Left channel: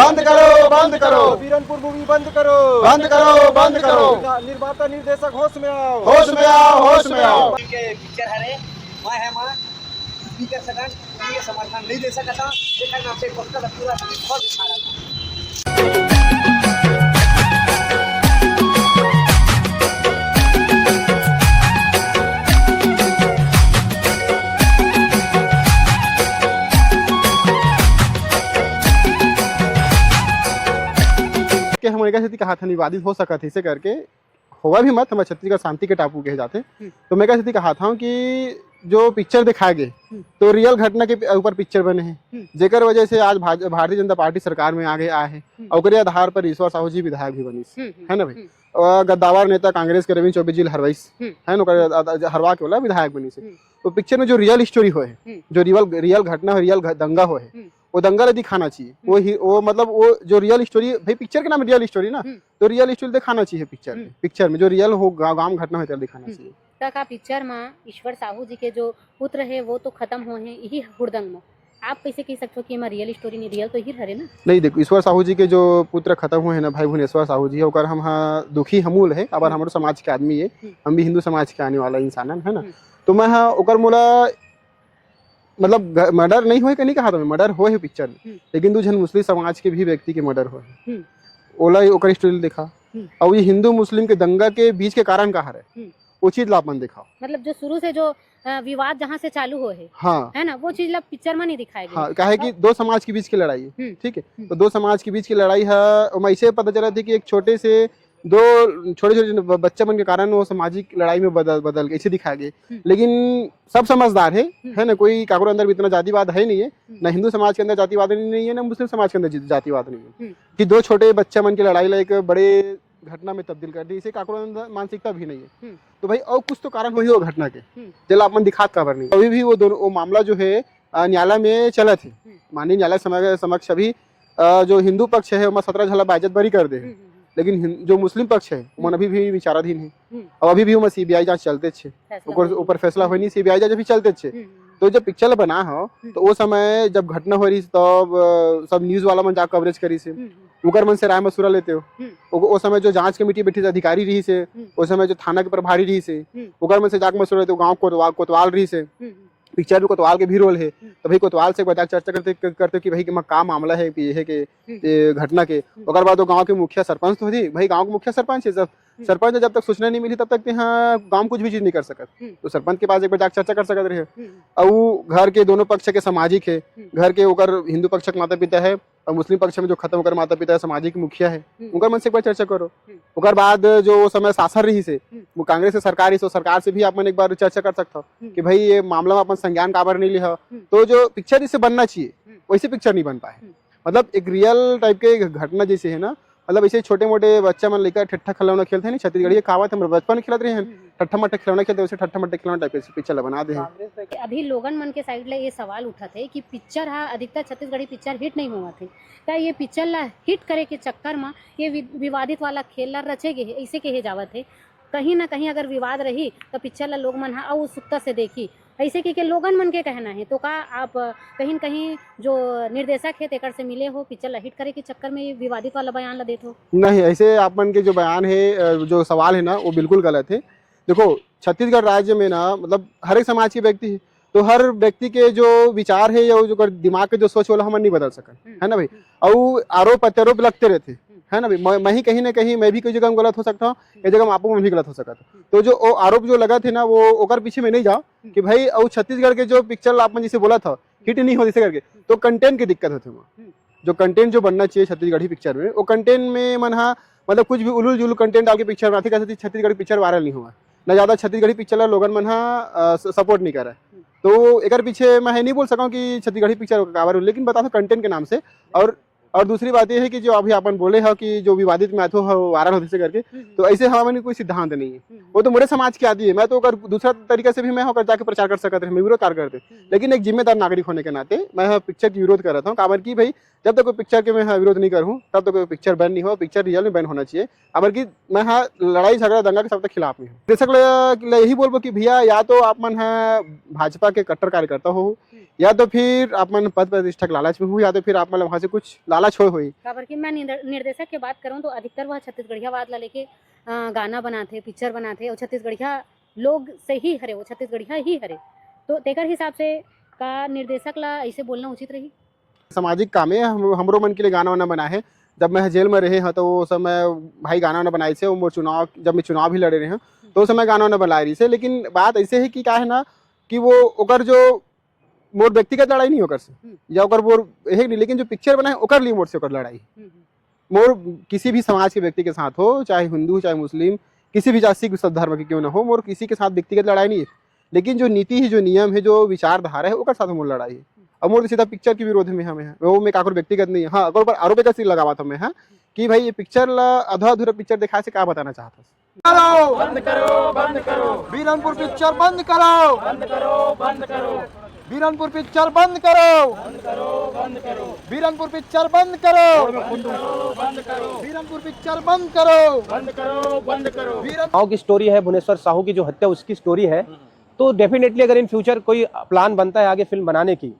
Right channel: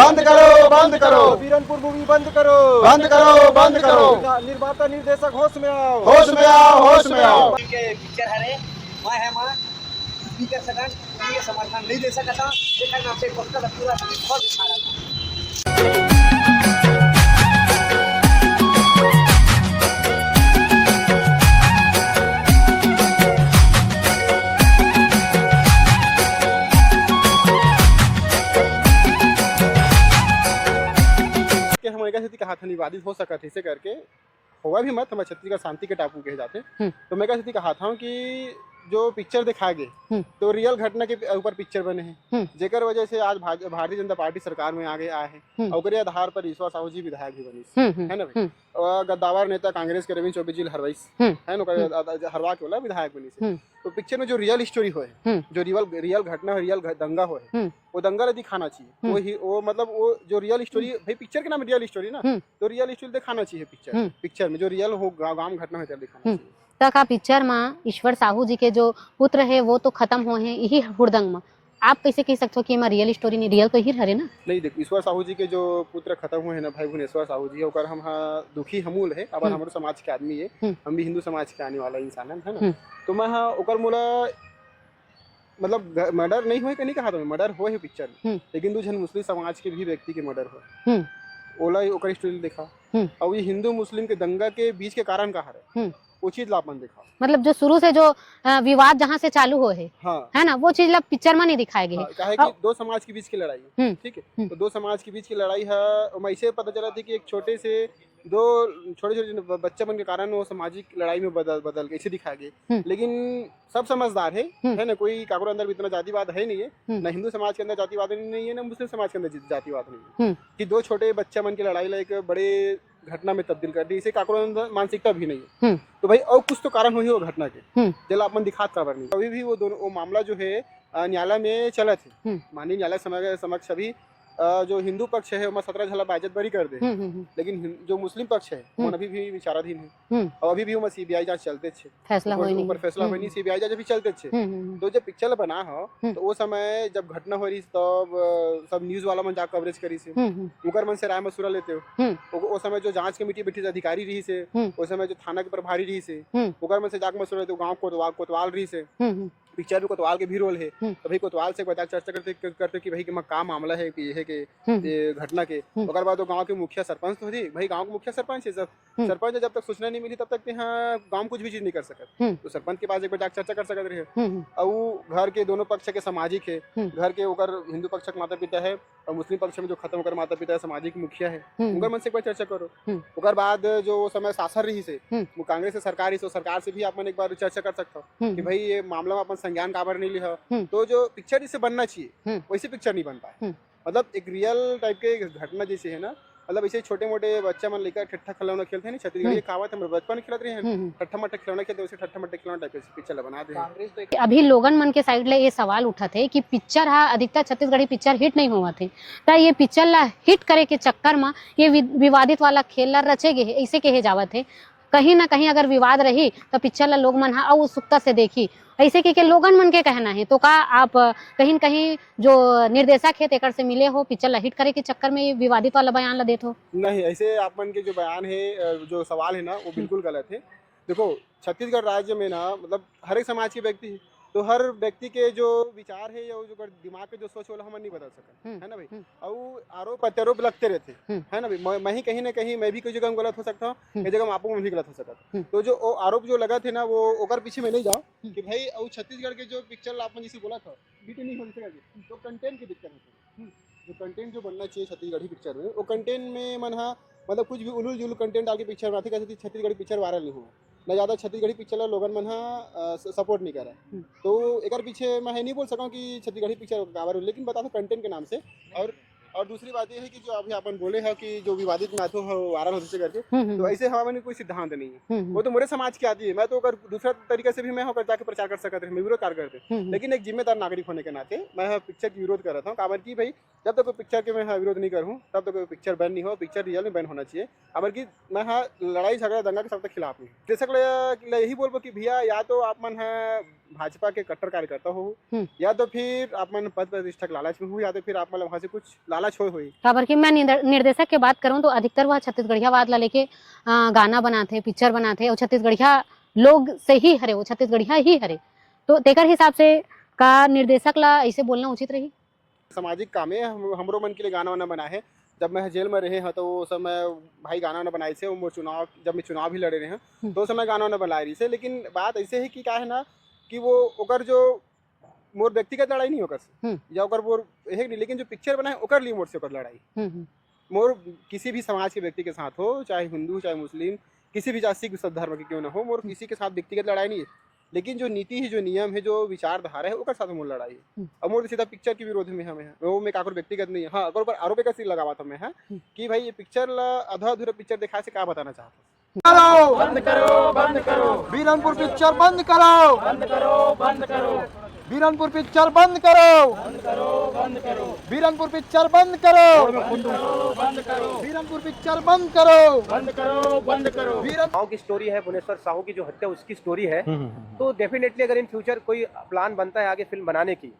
बंद करो, बंद करो, बीरनपुर मूवी बंद करो, बंद करो, बंद करो, निर्माता निर्देशक होश में आओ, होश में आओ, होश में आओ। के पिक्चर हरे मैं है मां स्पीकर सकन ये समर्थन नहीं दे सकता देखा ना से पक्का पूरा बहुत दिखा रहा था। कि हम एक ऐसी कहा था विवादित हो सका था इसे करके होगा भी मत, हम छत्तीसगढ़ शांति के टापू कहे जाते। तो मैं कैसे कहा था कि जो पिक्चर दिखाए गए तो रियल घटना के ऊपर पिक्चर बने हैं, जेकर वजह से आज भारतीय जनता पार्टी सरकार में आगे आए हैं और ओकरे आधार पर ईश्वर साहू जी विधायक भी बनी है ना भाई। और गद्दावर नेता कांग्रेस के रविंद्र चौबे जी हरवाइस है ना, हरवा के वाला विधायक बनी से। तो पिक्चर में जो रियल स्टोरी हो है, जो रियल घटना हो, रियल दंगा हो है, वो दंगा दिखाना चाहिए। वो मतलब वो जो रियल स्टोरी, भाई पिक्चर के नाम रियल स्टोरी ना, तो रियल स्टोरी दिखाना चाहिए पिक्चर में जो रियल हो गांव घटना हो दिखाना चाहिए। तक आ पिक्चर में ईश्वर साहू जी के जो पुत्र है वो तो खत्म हो हैं यही हुड़दंग में, आप कैसे कह सकते हो कि रियल स्टोरी नहीं, रियल तो ही हरे ना। नहीं देखो, ईश्वर साहू जी के जो पुत्र खत्म हुए हैं ना भाई भुवनेश्वर साहू जी, होकर हम दुखी हमूल है। अब हमारे समाज के आदमी है, हम भी हिंदू समाज के आने वाला इंसान है ना। तो मैं ओकर मोला मतलब मर्डर नहीं हो नहीं कहा था, मर्डर हो है पिक्चर में, लेकिन दो जन मुस्लिम समाज के भी व्यक्ति के मर्डर हो है, ओला ओकर स्टोरी देखा। और ये हिंदू मुस्लिम के दंगा के बीच के कारण कहा है वो चीज लापन दिखाओ। मतलब जो शुरू से जो विवाद जहाँ से चालू हो है, हाँ है ना, वो चीज पिक्चर में नहीं दिखाया गया। हाँ, कहे कि दो समाज के बीच की लड़ाई है, ठीक है। तो दो समाज के बीच की लड़ाई है, मैं इसे पता चला थी कि एक छोटे से दो छोटे बच्चे बन के कारण वो सामाजिक लड़ाई में बदल गए, इसे दिखाया गया। लेकिन सब समझदार है ना, कोई कागरो अंदर भी इतना जातिवाद है नहीं है, ना हिंदू समाज के अंदर जातिवाद नहीं है, ना मुस्लिम समाज के अंदर जातिवाद नहीं है, कि दो छोटे बच्चे मन की लड़ाई ला एक बड़े घटना में तब्दील कर दी, इसे काकरो अंदर मानसिकता भी नहीं है। तो भाई और कुछ तो कारण हुई हो घटना के, जल अपन दिखात काबर नहीं। अभी भी वो मामला जो है न्यायालय में चला थी, माननीय न्यायालय समक्ष अभी जो हिंदू पक्ष है वो 17 झला बाइज्जत बरी कर दे, लेकिन जो मुस्लिम पक्ष है वो अभी भी विचाराधीन है और अभी भी वो सीबीआई जांच चलते छे, ऊपर फैसला होई नहीं, सीबीआई जांच अभी चलते छे। तो जब पिक्चर बना हो तो वो समय जब घटना हो रही तब सब न्यूज वाला मन जा कवरेज करी से, उकर मन से राय मशुरा लेते हो। वो समय जो जांच कमेटी बैठी अधिकारी रही से, उस समय जो थाना के प्रभारी रही से, उकर मन से जाके मशुरा लेते, गाँव कोतवाल रही से। पिक्चर में कोतवाल के भी रोल है, तो भाई कोतवाल से बता चर्चा करते कि भाई का मामला है ये है कि घटना के। और बाद गांव के मुखिया सरपंच तो थी, भाई गांव के मुखिया सरपंच है, सरपंच जब तक सूचना नहीं मिली तब तक हाँ गांव कुछ भी चीज नहीं कर सकत। तो सरपंच के पास एक बार जाकर चर्चा कर सकते रहे। और घर के दोनों पक्ष के सामाजिक है, घर के ओकर हिंदू पक्ष के माता पिता है और मुस्लिम पक्ष में जो खत्म होकर माता पिता है सामाजिक मुखिया है, उनका मन से एक बार चर्चा करो। ओकर बाद जो समय शासन रही से वो कांग्रेस की सरकार, तो सरकार से भी आप एक बार चर्चा कर सकते हो कि भाई ये मामला में अपन संज्ञान काबर नहीं लिया। तो जो पिक्चर इसे बनना चाहिए वैसे पिक्चर नहीं बन पाए, मतलब एक रियल टाइप के घटना जैसे है ना, मतलब ऐसे छोटे मोटे बच्चा मन लेकर ठट्ठा खिलौना खेलते हैं, छत्तीसगढ़ ये कहावत है, बचपन में खेलते रहे हैं ठट्ठा मट्ठा खिलौना खेलते, वैसे ठट्ठा मट्ठा खिलौना टाइप के पिक्चर बना दे। अभी लोगन मन के साइड ले ये सवाल उठा थे कि पिक्चर हा अधिकतर छत्तीसगढ़ी पिक्चर हिट नहीं हुआ थे, तो ये पिक्चर ला हिट करे के चक्कर में ये विवादित वाला खेल ला रचे गए ऐसे कहे जावत है। कहीं ना कहीं अगर विवाद रही तो पिक्चर ला लोग मन हा उत्सुकता से देखी, ऐसे के लोगन मन के कहना है। तो का आप कहीं कहीं जो निर्देशक है तेकर से मिले हो, पिक्चर ला हिट करे के चक्कर में ये विवादित वाला बयान ला देते हो? नहीं, ऐसे आप मन के जो बयान है, जो सवाल है ना, वो बिल्कुल गलत है। देखो छत्तीसगढ़ राज्य में ना मतलब हर एक समाज के व्यक्ति है, तो हर व्यक्ति के जो विचार है या जो दिमाग के जो सोच वाला हम नहीं बदल सकते है ना भाई। और आरोप प्रत्यारोप लगते रहते है ना भाई, मैं ही कहीं ना कहीं मैं भी कोई जगह गलत हो सकता हूँ, एक जगह आपको मैं भी गलत हो सकता। तो जो आरोप जो लगा थे ना वो ओकर पीछे में नहीं जाओ कि भाई और छत्तीसगढ़ के जो पिक्चर आपने जैसे बोला था हिट नहीं हो जैसे करके, तो कंटेंट की दिक्कत होती है। जो कंटेंट जो बनना चाहिए छत्तीसगढ़ी पिक्चर में, वो कंटेंट में मन मतलब कुछ भी उलूल जुलूल कंटेंट डाल के पिक्चर बनाते, कैसे छत्तीसगढ़ी पिक्चर वायरल नहीं हुआ ना, ज्यादा छत्तीसगढ़ी पिक्चर लोगन मन सपोर्ट नहीं कर रहा है। तो एक पीछे मैं नहीं बोल सका कि छत्तीसगढ़ी पिक्चर काबर, लेकिन बता दो कंटेंट के नाम से। और दूसरी बात यह है कि जो अभी अपन बोले हैं कि जो विवादित में आतो वायरल होते करके, तो ऐसे हमारे कोई सिद्धांत नहीं है, वो तो मेरे समाज की आदि है। मैं तो अगर दूसरा तरीका से भी मैं होकर जाके प्रचार कर सकते हैं, मैं विरोध कार्य करते, लेकिन एक जिम्मेदार नागरिक होने के नाते मैं पिक्चर की विरोध कर रहा था। काबर की भाई जब तक कोई पिक्चर के मैं विरोध नहीं करूँ तब तक कोई पिक्चर बैन नहीं हो, पिक्चर रियल में बैन होना चाहिए। अगर की मैं लड़ाई झगड़ा दंगा के सब तक खिलाफ नहीं। दर्शक यही बोलबो कि भैया या तो आप मन है भाजपा के कट्टर कार्यकर्ता हो, या तो फिर आप मन पद प्रतिष्ठा के लालच में हो, या तो फिर आप मतलब वहां से कुछ लालच लालच हुई। खबर की मैं निर्देशक की बात करूं तो अधिकतर वह छत्तीसगढ़िया वाद ला लेके गाना बनाते, पिक्चर बनाते और छत्तीसगढ़िया लोग से ही हरे, वो छत्तीसगढ़िया ही हरे। तो तेकर हिसाब से का निर्देशक ला ऐसे बोलना उचित रही? सामाजिक काम है, हमरो मन के लिए गाना वाना बनाए हैं। जब मैं जेल में रहे हैं तो वो समय भाई गाना वाना बनाए थे, वो चुनाव जब मैं चुनाव भी लड़े रहे हैं तो उस समय गाना वाना बनाए रही से। लेकिन बात ऐसे है कि क्या है ना कि वो ओकर जो मोर व्यक्तिगत लड़ाई नहीं ओकर से या ओकर मोर है नहीं, लेकिन जो पिक्चर बनाए ओकर लिए मोर से ओकर लड़ाई मोर किसी भी समाज के व्यक्ति के साथ हो, चाहे हिंदू चाहे मुस्लिम, किसी भी जाति सिख धर्म के क्यों ना हो, मोर किसी के साथ व्यक्तिगत लड़ाई नहीं है। लेकिन जो नीति है, जो नियम है, जो विचारधारा है ओकर साथ मोर लड़ाई है। अब मोर सीधा पिक्चर के विरोध में हमें है, वो में काकुर व्यक्तिगत नहीं है। हाँ, अगर ऊपर आरोप का सिर लगावा था मैं हाँ कि भाई ये पिक्चर ला आधा अधूरा पिक्चर दिखा से क्या बताना चाहता करो बंद करो बंद करो, बीरनपुर पिक्चर बंद करो बंद करो बंद करो, बीरनपुर पिक्चर बंद करो बंद करो बंद करो, बीरनपुर पिक्चर बंद करो बंद करो, बीरनपुर पिक्चर बंद करो बंद करो बंद करो। साहू की स्टोरी है, भुवनेश्वर साहू की जो हत्या उसकी स्टोरी है। तो डेफिनेटली अगर इन फ्यूचर कोई प्लान बनता है आगे फिल्म बनाने की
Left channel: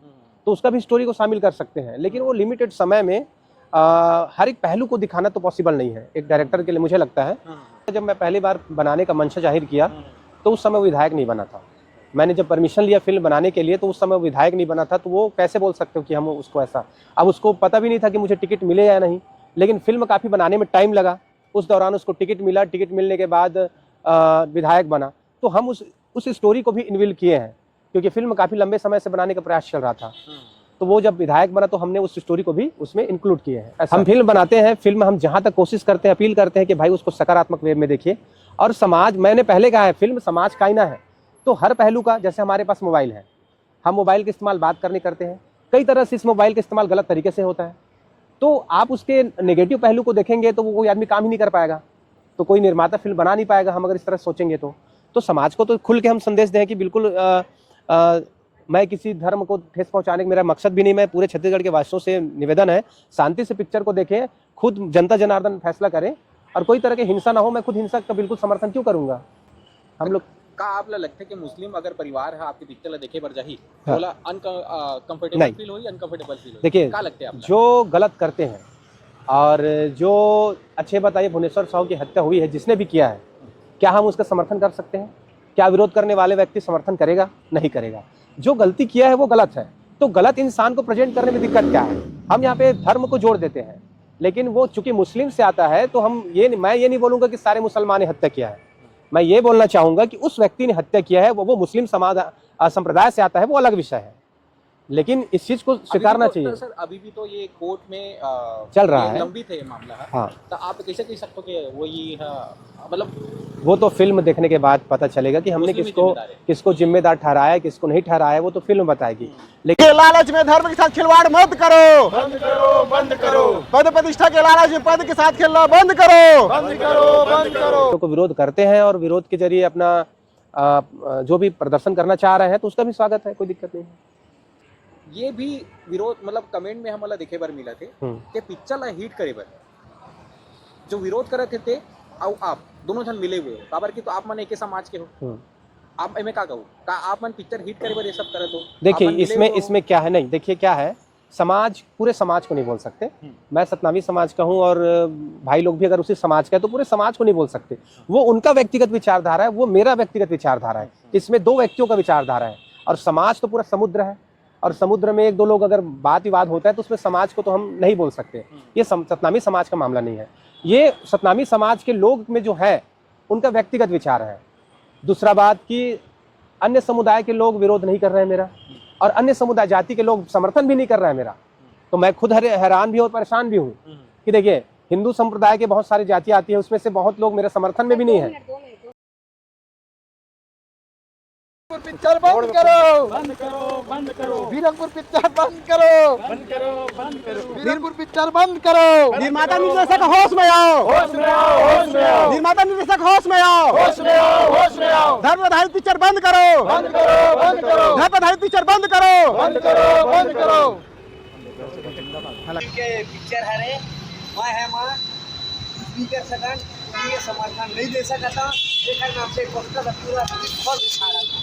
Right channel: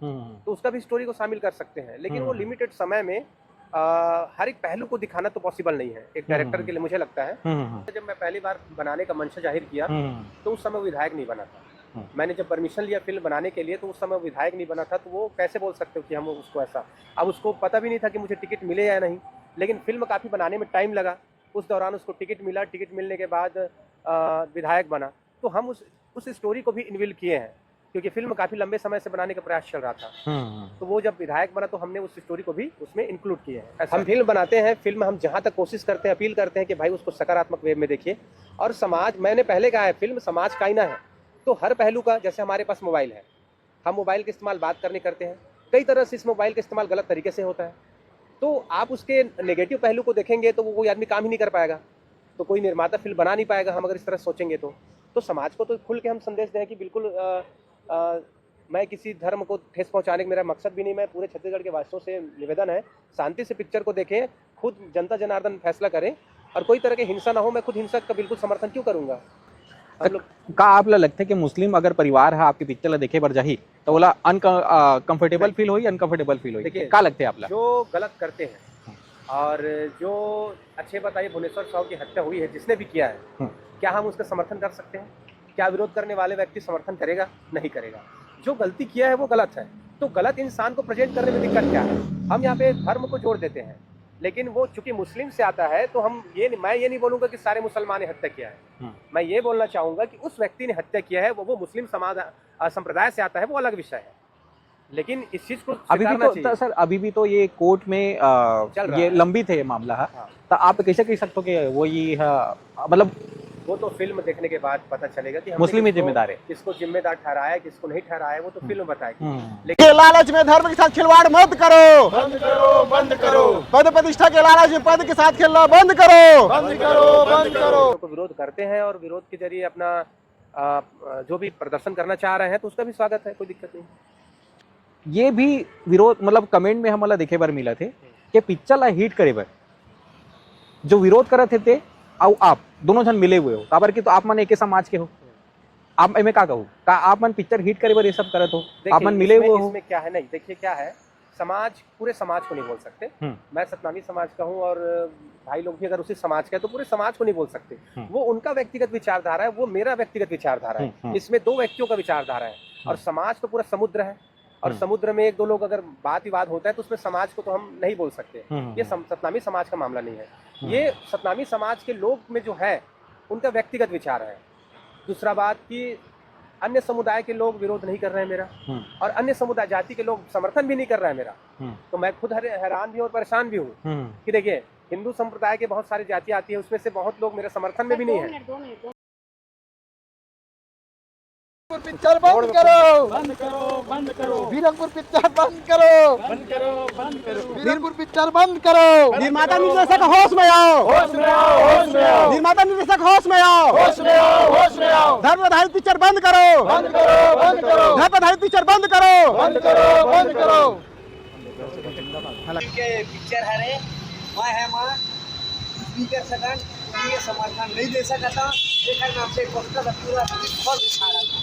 तो उसका भी स्टोरी को शामिल कर सकते हैं। लेकिन वो लिमिटेड समय में हर एक पहलू को दिखाना तो पॉसिबल नहीं है एक डायरेक्टर के लिए, मुझे लगता है। जब मैं पहली बार बनाने का मंशा जाहिर किया तो उस समय वो विधायक नहीं बना था। मैंने जब परमिशन लिया फिल्म बनाने के लिए तो उस समय विधायक नहीं बना था। तो वो कैसे बोल सकते हो कि हम उसको ऐसा, अब उसको पता भी नहीं था कि मुझे टिकट मिले या नहीं। लेकिन फिल्म काफ़ी बनाने में टाइम लगा, उस दौरान उसको टिकट मिला, टिकट मिलने के बाद विधायक बना। तो हम उस स्टोरी को भी इन्वॉल्व किए हैं क्योंकि फिल्म काफ़ी लंबे समय से बनाने का प्रयास चल रहा था। तो वो जब विधायक बना तो हमने उस स्टोरी को भी उसमें इंक्लूड किए हैं। हम फिल्म बनाते हैं, फिल्म हम जहाँ तक कोशिश करते हैं, अपील करते हैं कि भाई उसको सकारात्मक वे में देखिए। और समाज, मैंने पहले कहा है, फिल्म समाज का आईना है। तो हर पहलू का, जैसे हमारे पास मोबाइल है, हम मोबाइल का इस्तेमाल बात करने करते हैं, कई तरह से इस मोबाइल का इस्तेमाल गलत तरीके से होता है। तो आप उसके नेगेटिव पहलू को देखेंगे तो वो कोई आदमी काम ही नहीं कर पाएगा, तो कोई निर्माता फिल्म बना नहीं पाएगा हम अगर इस तरह सोचेंगे। तो समाज को तो खुल के हम संदेश दें कि बिल्कुल मैं किसी धर्म को ठेस पहुंचाने का मेरा मकसद भी नहीं। मैं पूरे छत्तीसगढ़ के वासियों से निवेदन है, शांति से पिक्चर को देखें, खुद जनता जनार्दन फैसला करे और कोई तरह की हिंसा ना हो। मैं खुद हिंसा का बिल्कुल समर्थन क्यों करूंगा। हम लोग का आप लगता है कि मुस्लिम अगर परिवार है आपके पिक्चर देखे बर जाही तो बोला अनकंफर्टेबल फील होई, अनकंफर्टेबल फील होई। देखिए क्या लगता है आप जो गलत करते हैं और जो अच्छे बताइए, भुवनेश्वर साहू की हत्या हुई है जिसने भी किया है, क्या हम उसका समर्थन कर सकते हैं? क्या विरोध करने वाले व्यक्ति समर्थन करेगा? नहीं करेगा। जो गलती किया है वो गलत है। तो गलत इंसान को प्रेजेंट करने में दिक्कत क्या है? हम यहाँ पे धर्म को जोड़ देते हैं, लेकिन वो चूंकि मुस्लिम से आता है तो मैं ये नहीं बोलूंगा कि सारे मुसलमान ने हत्या किया है। मैं ये बोलना चाहूंगा कि उस व्यक्ति ने हत्या किया है, वो मुस्लिम समाज संप्रदाय से आता है, वो अलग विषय है। लेकिन इस चीज को स्वीकारना चाहिए। सर अभी भी तो ये कोर्ट में चल रहा है, लंबित है ये मामला। हाँ। तो आप कैसे कह सकते हो कि वो ये मतलब वो तो फिल्म देखने के बाद पता चलेगा कि मुस्लिम ही जिम्मेदार है, किसको जिम्मेदार ठहराया, किसको नहीं ठहराया, वो तो फिल्म बताएगी। लेकिन ये लालच में धर्म के साथ खिलवाड़ मत करो, बंद करो बंद करो, पद प्रतिष्ठा के लालच में पद के साथ खेलना बंद करो बंद करो बंद करो। को विरोध करते हैं और विरोध के जरिए अपना जो भी प्रदर्शन करना चाह रहे हैं तो उसका भी स्वागत है, कोई दिक्कत नहीं। ये भी विरोध मतलब कमेंट में हमारा देखे बार मिला थे कि पिक्चर ला हिट करे बर जो विरोध करते थे और आप दोनों जन मिले हुए हो काबर की, तो आप मन एक समाज के हो। आप में क्या कहूँ का आप मन पिक्चर हिट करे बर ये सब करत हो? देखिए इसमें क्या है, नहीं देखिए क्या है, समाज पूरे समाज को नहीं बोल सकते। मैं सतनामी समाज का हूँ और भाई लोग भी अगर उसी समाज का है तो पूरे समाज को नहीं बोल सकते। वो उनका व्यक्तिगत विचारधारा है, वो मेरा व्यक्तिगत विचारधारा है। इसमें दो व्यक्तियों का विचारधारा है और समाज तो पूरा समुद्र है और समुद्र में एक दो लोग अगर बात विवाद होता है तो उसमें समाज को तो हम नहीं बोल सकते। ये सतनामी समाज का मामला नहीं है, ये सतनामी समाज के लोग में जो है उनका व्यक्तिगत विचार है। दूसरा बात कि अन्य समुदाय के लोग विरोध नहीं कर रहे हैं मेरा और अन्य समुदाय जाति के लोग समर्थन भी नहीं कर रहे हैं मेरा। तो मैं खुद हैरान भी हूँ और परेशान भी हूँ कि देखिए हिंदू संप्रदाय के बहुत सारी जाति आती है, उसमें से बहुत लोग मेरे समर्थन में भी नहीं है। पिक्चर बंद करो बंद करो बंद करो, बीरनपुर पिक्चर बंद करो बंद करो बंद करो, बीरनपुर पिक्चर बंद करो। निर्माता निर्देशक होश में आओ, होश में आओ, होश में आओ, निर्माता निर्देशक होश में आओ, होश में आओ, होश में आओ। धर्म आधारित पिक्चर बंद करो, बंद करो बंद करो, धर्म आधारित पिक्चर बंद करो, बंद करो बंद करो। के पिक्चर है रे मैं है मां स्पीकर सकन ये समर्थन नहीं दे सकता। एक नाम से कोष्ठा पूरा फल उठा रहा था।